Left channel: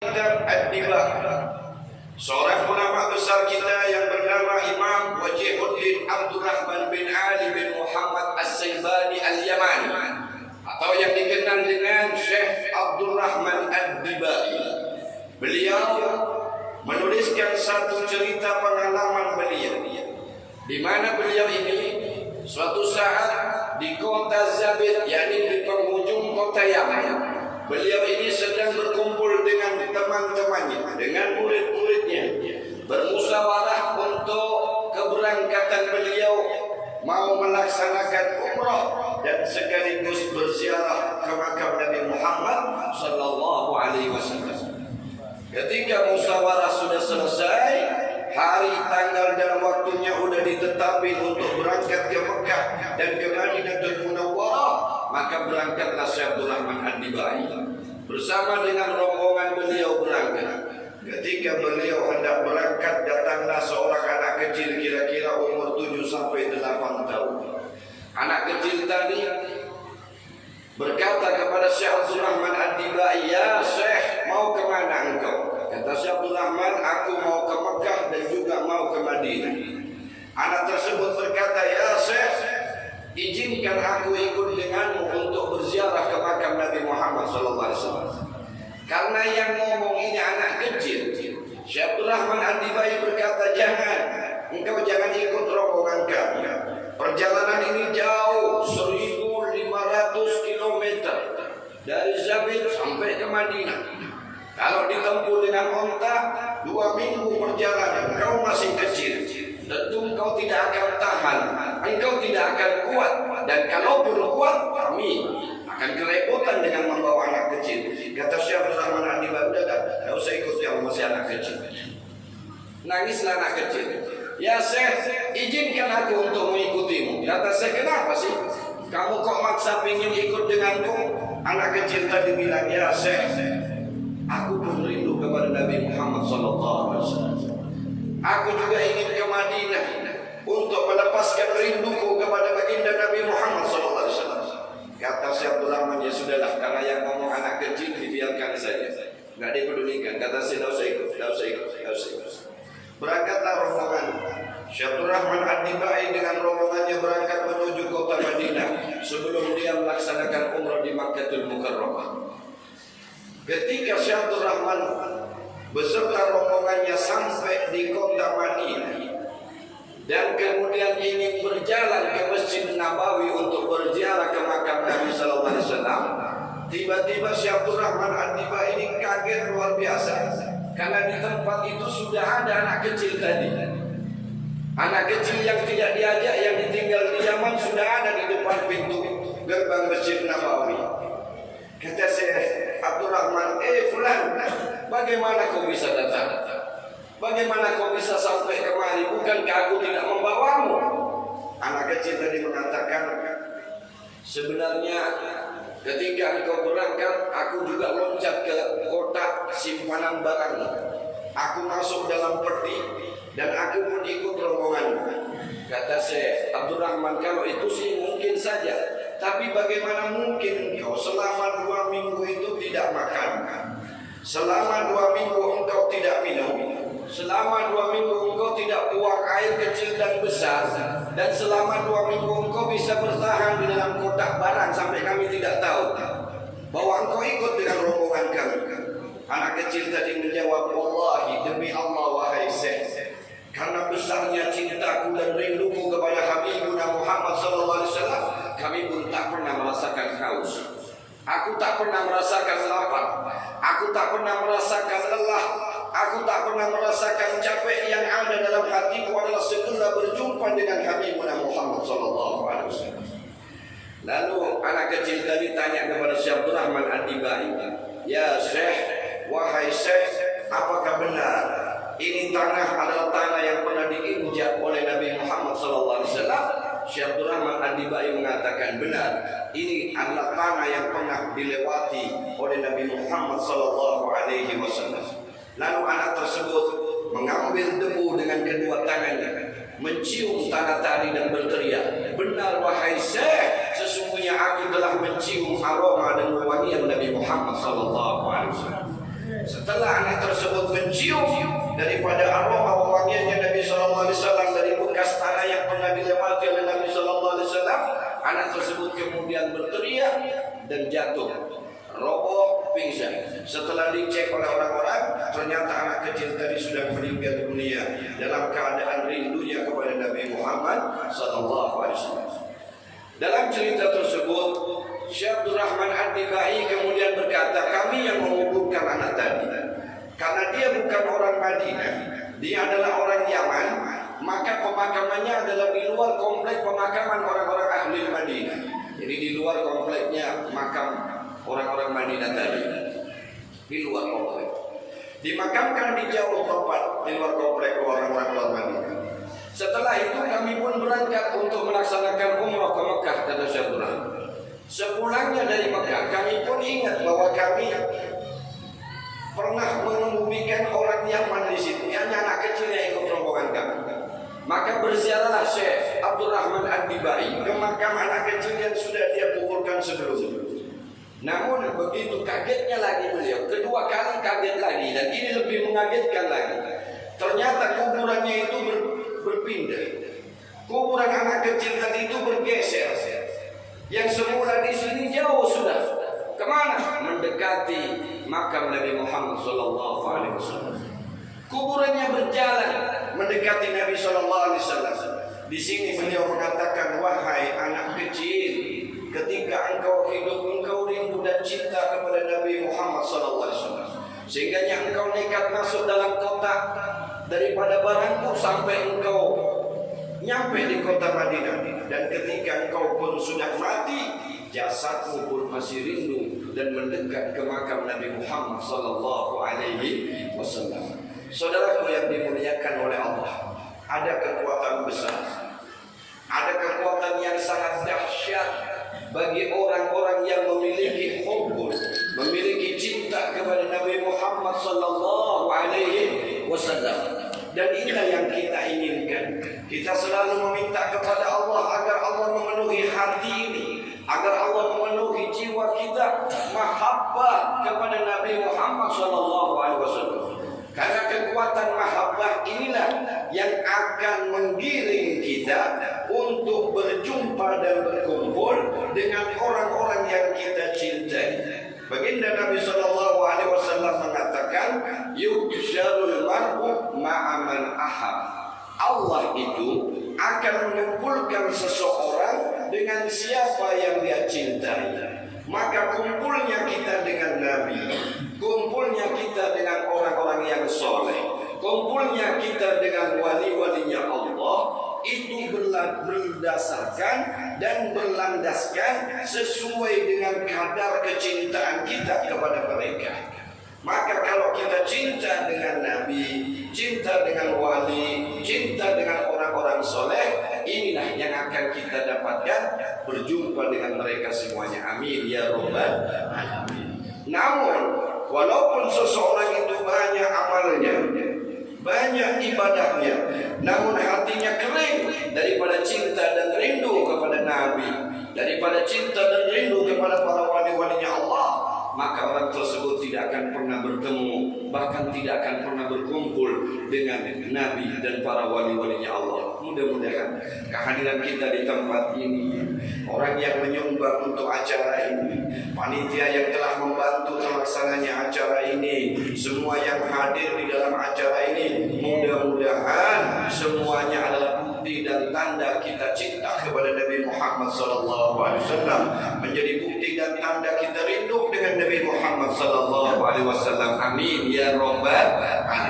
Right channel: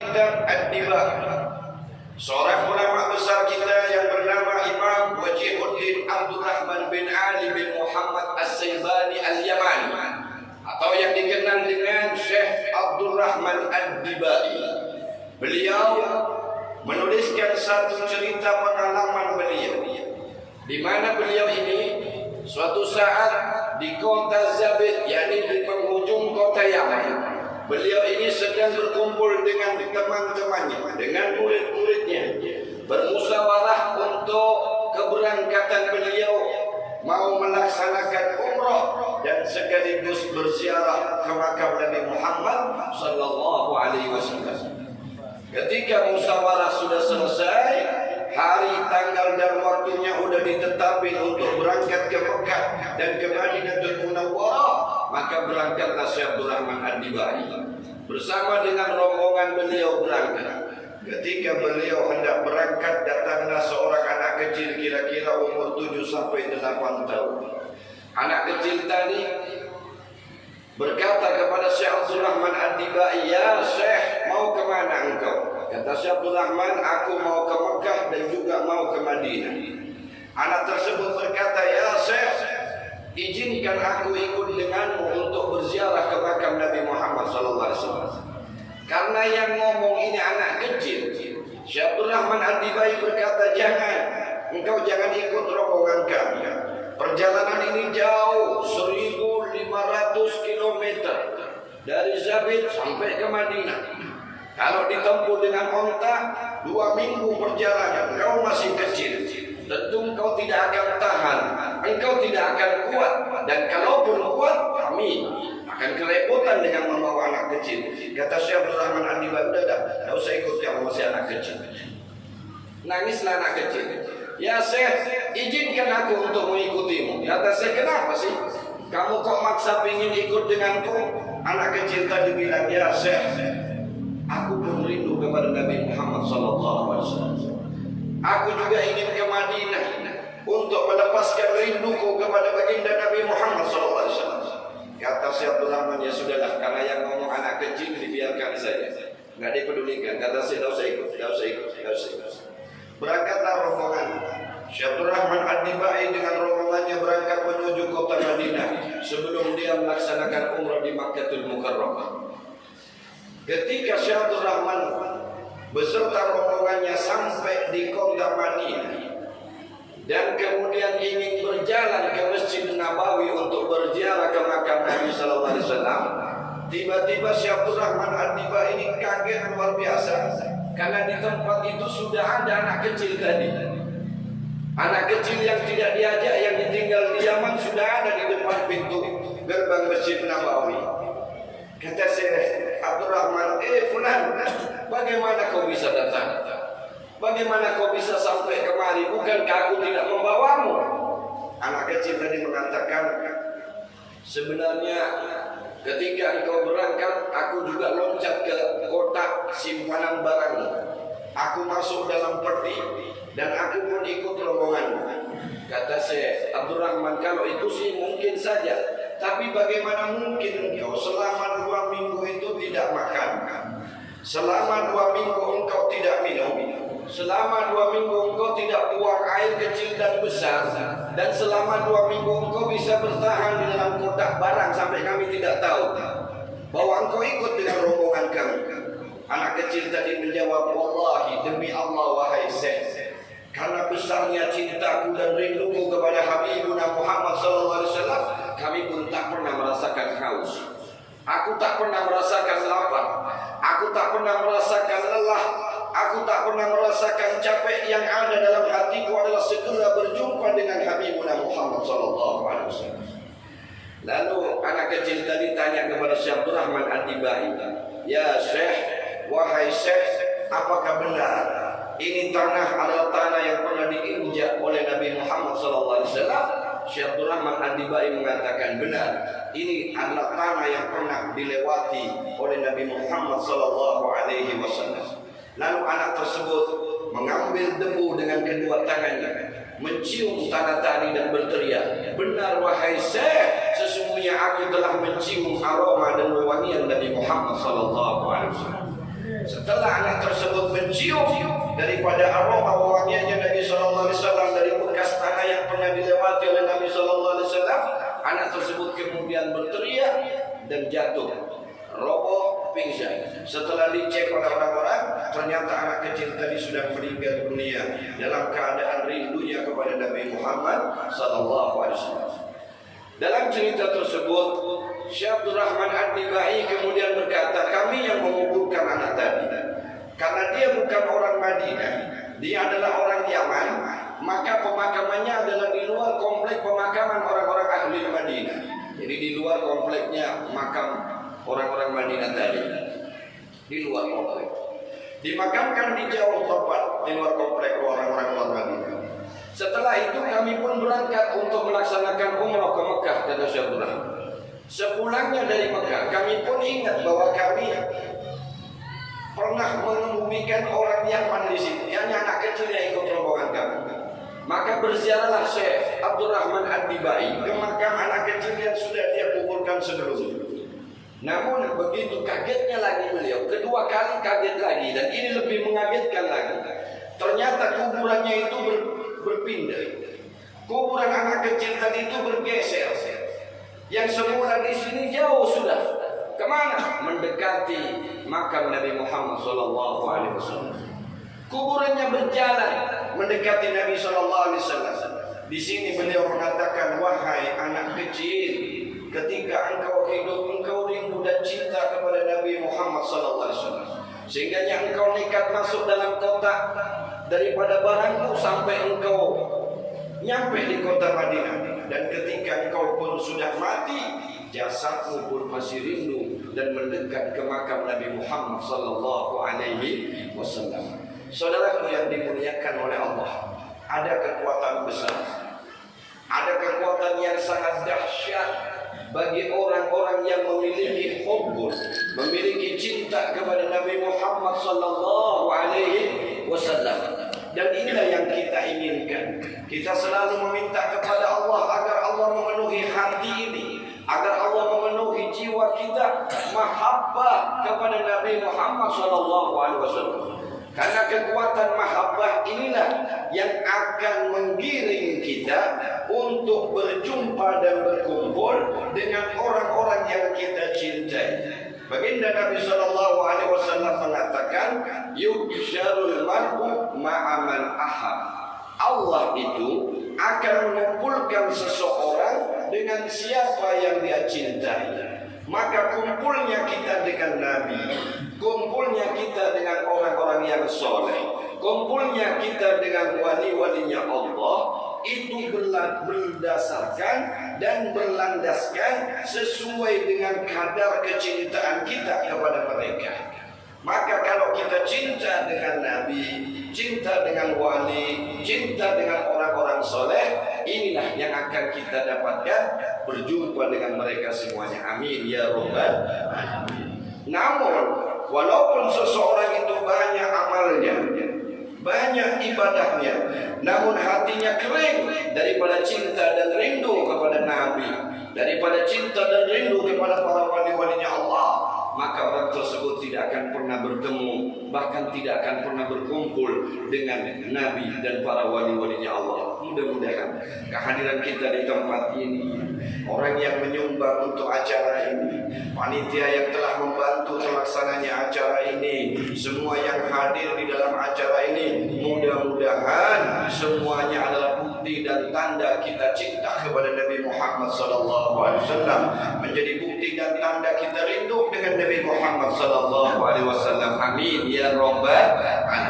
Kitab Ad-Diba, seorang ulama besar kita yang bernama Imam Wajihuddin Abdurrahman bin Ali bin Muhammad As-Saybani Al-Yamani, atau yang dikenal dengan Syekh Abdurrahman Ad-Dibai. Beliau menuliskan satu cerita pengalaman beliau, di mana beliau ini suatu saat di kota Zabid, yakni di penghujung kota Yaman. Beliau ini sedang berkumpul dengan teman-temannya, dengan murid-muridnya, bermusyawarah untuk keberangkatan beliau mau melaksanakan umrah dan sekaligus berziarah ke makam Nabi Muhammad sallallahu alaihi wasallam. Ketika musyawarah sudah selesai, hari, tanggal dan waktunya sudah ditetapkan untuk berangkat ke Mekah dan ke Madinatul Munawwarah, maka berangkatlah Syekh Abdurrahman Ad-Dibai bersama dengan rombongan beliau berangkat. Ketika beliau hendak berangkat, datanglah seorang anak kecil kira-kira umur 7 sampai 8 tahun. Anak kecil tadi berkata kepada Syekh Abdurrahman Ad-Dibai, "Ya Syekh, mau kemana engkau?" Kata Syekh Abdurrahman, "Aku mau ke Mekah dan juga mau ke Madinah." Anak tersebut berkata, "Ya Syekh, izinkan aku ikut denganmu untuk berziarah ke makam Nabi Muhammad SAW." Karena yang ngomong ini anak kecil, Syekh Abdurrahman Ad-Dibai berkata, engkau jangan ikut rombongan kami. Perjalanan ini jauh, 1.500 km dari Zabid sampai ke Madinah. Kalau ditempuh dengan onta 2 minggu perjalanan, engkau masih kecil, tentu engkau tidak akan tahan, engkau tidak akan kuat. Dan kalaupun kuat, kami akan kerepotan dengan membawa anak kecil. Kata Syekh Abdurrahman Ad-Dibai, tidak usah ikut yang masih anak kecil. Nangislah anak kecil. "Ya Syekh, izinkan aku untuk mengikutimu." Kata Syekh, "Kenapa sih? Kamu kok maksa ingin ikut denganku?" Anak kecil tadi bilang, "Ya Syekh, aku pun rindu kepada Nabi Muhammad SAW. Aku juga ingin ke Madinah untuk melepaskan rinduku kepada baginda Nabi Muhammad SAW." Kata Syekh Abdurrahman, "Ya sudahlah, karena yang ngomong anak kecil dibiarkan saja, nggak dipedulikan." Kata Syekh, "Tidak usah ikut. Berangkatlah rombongan. Syekh Abdurrahman Ad-Dibai dengan rombongannya berangkat menuju kota Madinah sebelum dia melaksanakan umrah di Makkahul Mukarramah. Ketika Syekh Abdurrahman beserta rombongannya sampai di kota Madinah dan kemudian ingin berjalan ke Masjid Nabawi untuk berziarah ke makam Nabi sallallahu alaihi wasallam, tiba-tiba Syekh Abdurrahman Ad-Dibai ini kaget luar biasa, karena di tempat itu sudah ada anak kecil tadi. Anak kecil yang tidak diajak, yang ditinggal di Yaman, sudah ada di depan pintu gerbang Masjid Nabawi. Kata Syekh Abdurrahman, "Fulan, bagaimana kau bisa datang? Bagaimana kau bisa sampai kemari? Bukankah aku tidak membawamu?" Anak kecil tadi mengatakan, "Sebenarnya ketika engkau berangkat, aku juga loncat ke kotak simpanan barang. Aku masuk dalam peti dan aku pun ikut rombonganmu." Kata Syekh Abdurrahman, "Kalau itu sih mungkin saja. Tapi bagaimana mungkin engkau selama 2 minggu itu tidak makan? Selama 2 minggu engkau tidak minum? Selama 2 minggu engkau tidak buang air kecil dan besar? Dan selama 2 minggu engkau bisa bertahan di dalam kotak barang sampai kami tidak tahu bahwa engkau ikut dengan rombongan kami?" Anak kecil tadi menjawab, "Wallahi, demi Allah wahai Syekh, karena besarnya cintaku dan rinduku kepada Habibuna Muhammad SAW, kami pun tak pernah merasakan haus. Aku tak pernah merasakan lapar. Aku tak pernah merasakan lelah. Aku tak pernah merasakan capek. Yang ada dalam hatiku adalah segera berjumpa dengan Habibuna Muhammad SAW." Lalu anak kecil tadi tanya kepada Syekh Abdurrahman Ad-Dibai, "Ya Syekh, wahai Syekh, apakah benar ini tanah adalah tanah yang pernah diinjak oleh Nabi Muhammad SAW?" Syekh Abdurrahman Ad-Dibai mengatakan, "Benar, ini adalah tanah yang pernah dilewati oleh Nabi Muhammad SAW." Lalu anak tersebut mengambil debu dengan kedua tangannya, mencium tanah tadi dan berteriak, "Benar wahai Syekh, sesungguhnya aku telah mencium aroma dan wewangian Nabi Muhammad SAW." Setelah anak tersebut mencium daripada aroma wanginya Nabi sallallahu alaihi wasallam dari bekas tanah yang pernah dilewati oleh Nabi sallallahu alaihi wasallam, anak tersebut kemudian berteriak dan jatuh, roboh, pingsan. Setelah dicek oleh orang-orang, ternyata anak kecil tadi sudah meninggal dunia dalam keadaan rindunya kepada Nabi Muhammad sallallahu alaihi wasallam. Dalam cerita tersebut, Syekh Abdul Rahman Ad-Dibai kemudian berkata, kami yang menguburkan anak tadi, karena dia bukan orang Madinah, dia adalah orang Yaman, maka pemakamannya adalah di luar komplek pemakaman orang-orang ahli Madinah. Jadi di luar kompleknya makam orang-orang Madinah tadi, di luar komplek. Dimakamkan di jauh tempat, di luar komplek orang-orang Madinah. Setelah itu kami pun berangkat untuk melaksanakan umrah ke Mekah, kata Syekh Abdul Rahman. Sepulangnya dari Mekah, kami pun ingat bahwa kami pernah mengubukan orang Yaman di situ, yang anak kecil yang ikut rombongan kami. Maka berziarahlah Syekh Abdul Rahman Ad-Dibai ke makam anak kecil yang sudah dia kuburkan sebelumnya. Namun begitu kagetnya lagi beliau, kedua kali kaget lagi, dan ini lebih mengagetkan lagi. Ternyata kuburannya itu berpindah. Kuburan anak kecil tadi itu bergeser. Yang semula di sini jauh sudah kemana? Mendekati makam Nabi Muhammad sallallahu alaihi wasallam. Kuburannya berjalan mendekati Nabi sallallahu alaihi wasallam. Di sini beliau mengatakan, wahai anak kecil, ketika engkau hidup, engkau rindu dan cinta kepada Nabi Muhammad sallallahu alaihi wasallam, sehingga engkau nekat masuk dalam kota daripada barangku sampai engkau nyampe di kota Madinah. Dan ketika engkau pun sudah mati, jasadmu pun masih rindu dan mendekat ke makam Nabi Muhammad sallallahu alaihi wasallam. Saudaraku yang dimuliakan oleh Allah, ada kekuatan besar, ada kekuatan yang sangat dahsyat bagi orang-orang yang memiliki hubbul, memiliki cinta kepada Nabi Muhammad sallallahu alaihi wasallam. Dan inilah yang kita inginkan. Kita selalu meminta kepada Allah agar Allah memenuhi hati ini, agar Allah memenuhi jiwa kita mahabbah kepada Nabi Muhammad SAW. Karena kekuatan mahabbah inilah yang akan menggiring kita untuk berjumpa dan berkumpul dengan orang-orang yang kita cintai. Baginda Nabi SAW mengatakan, yuhsyarul mar'u ma'aman ahab. Allah itu akan mengumpulkan seseorang dengan siapa yang dia cintai. Maka kumpulnya kita dengan Nabi, kumpulnya kita dengan orang-orang yang soleh, kumpulnya kita dengan wali-walinya Allah, itu berdasarkan dan berlandaskan sesuai dengan kadar kecintaan kita kepada mereka. Maka kalau kita cinta dengan Nabi, cinta dengan wali, cinta dengan orang-orang soleh, inilah yang akan kita dapatkan berjumpa dengan mereka semuanya. Amin ya rabbal alamin. Namun walaupun seseorang itu banyak amalnya, banyak ibadahnya, namun hatinya kering daripada cinta dan rindu kepada Nabi, daripada cinta dan rindu kepada para wali-walinya Allah, maka orang tersebut tidak akan pernah bertemu, bahkan tidak akan pernah berkumpul dengan Nabi dan para wali-walinya Allah. Mudah-mudahan kehadiran kita di tempat ini, orang yang menyumbang untuk acara ini, panitia yang telah membantu terlaksananya acara ini, semua yang hadir di dalam acara ini, mudah-mudahan semuanya adalah bukti dan tanda kita cinta kepada Nabi Muhammad SAW, menjadi bukti dan tanda kita rindu dengan Nabi Muhammad SAW. Amin ya rabbal alamin.